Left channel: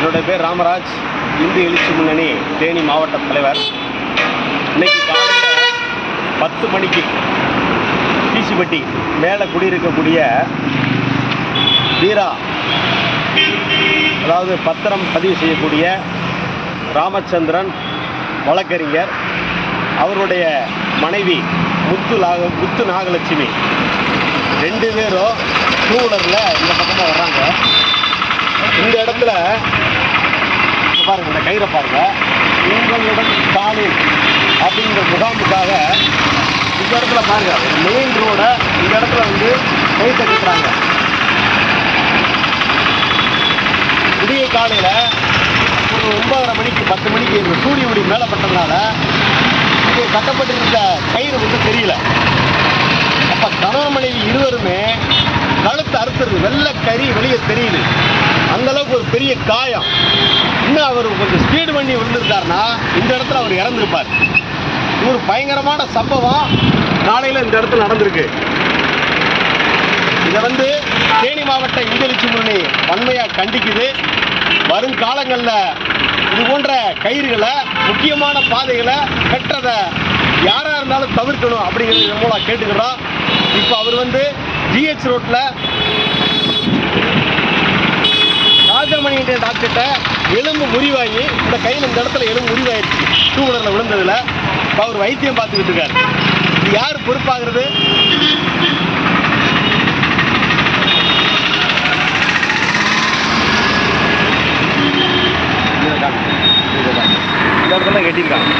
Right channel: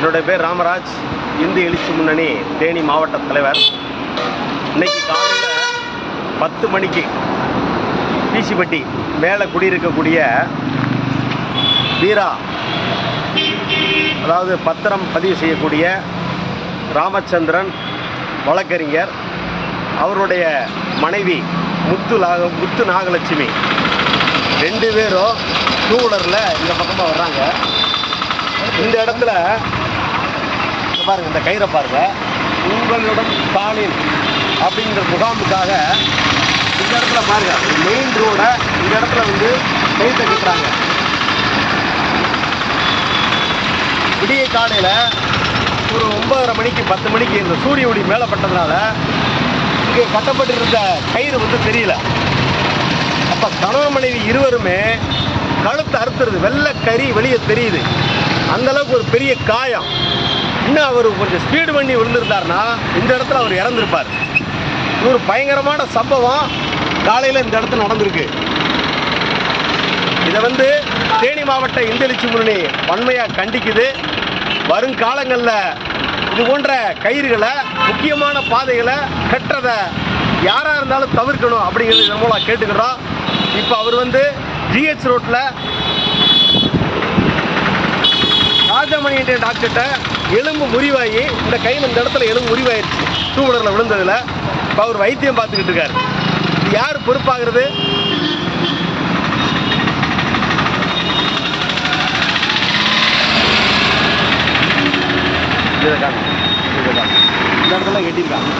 என்னுடைய பேர் ராமராஜ். இந்து எழுச்சி முன்னணி தேனி மாவட்ட தலைவர். இன்னைக்கு காலையில் பத்து மணிக்கு பிசிப்பட்டி மேலே குடியிருக்கக்கூடிய வீரா அதாவது பத்திரம் பதிவு செய்யக்கூடிய ராமச்சந்திரன் வழக்கறிஞர் அவருடைய மனைவி முத்து நாக முத்து நாகலட்சுமி. ரெண்டு பேரும் டூ வீலரில் இந்த பக்கமாக வர்றாங்க. இந்த இடத்துல பாருங்க இந்த கயிறை பாருங்க. உங்களுடன் காலில் அப்படிங்கிற முகாமுக்காக இந்த இடத்துல பாருங்க மெயின் ரோட இந்த இடத்துல வந்து கை தட்டிக்கிறாங்க விடிய காலையில் ஒரு ஒன்பதரை மணிக்கு பத்து மணிக்கு இந்த சூரிய ஒளி மேலே பட்டதுனால இங்கே கட்டப்பட்டிருந்த கயிறு வந்து தெரியல. அப்போ கணவன் மனைவி இருவருமே கழுத்து அறுத்துறது வெள்ளை கறி வெளியே தெரியுது. அந்த அளவுக்கு ஒரு பெரிய காயம். இன்னும் அவர் கொஞ்சம் ஸ்பீடு பண்ணி விழுந்திருந்தாருன்னா இந்த இடத்துல அவர் இறந்திருப்பார். இது ஒரு பயங்கரமான சம்பவம். காலையில் இந்த இடத்துல நடந்திருக்கு. இதை வந்து தேனி மாவட்ட இந்தெழுச்சி முன்னணி வன்மையாக கண்டிக்குது. வருங்காலங்களில் இது போன்ற கயிறுகளை முக்கியமான பாதைகளை கட்டுறதை யாராக இருந்தாலும் தவிர்க்கணும் அப்படிங்கிறது இதன் மூலம் கேட்டுக்கிறோம். இப்போ அவர் வந்து ஜிஹெச் ரோட்டில் ராஜமணி என்ற டாக்டர்கிட்ட எலும்பு முறிவாகி இந்த கையில் இந்த இடத்துல எலும்பு முறிவாயிருச்சு. டூ வீலரில் விழுந்ததில் இப்போ அவர் வைத்தியம் பார்த்துக்கிட்டு இருக்காரு. இது யார் பொறுப்பாகிறது? இதை காமி இதை காமி இந்த இடத்துல கட்டியிருக்காங்க.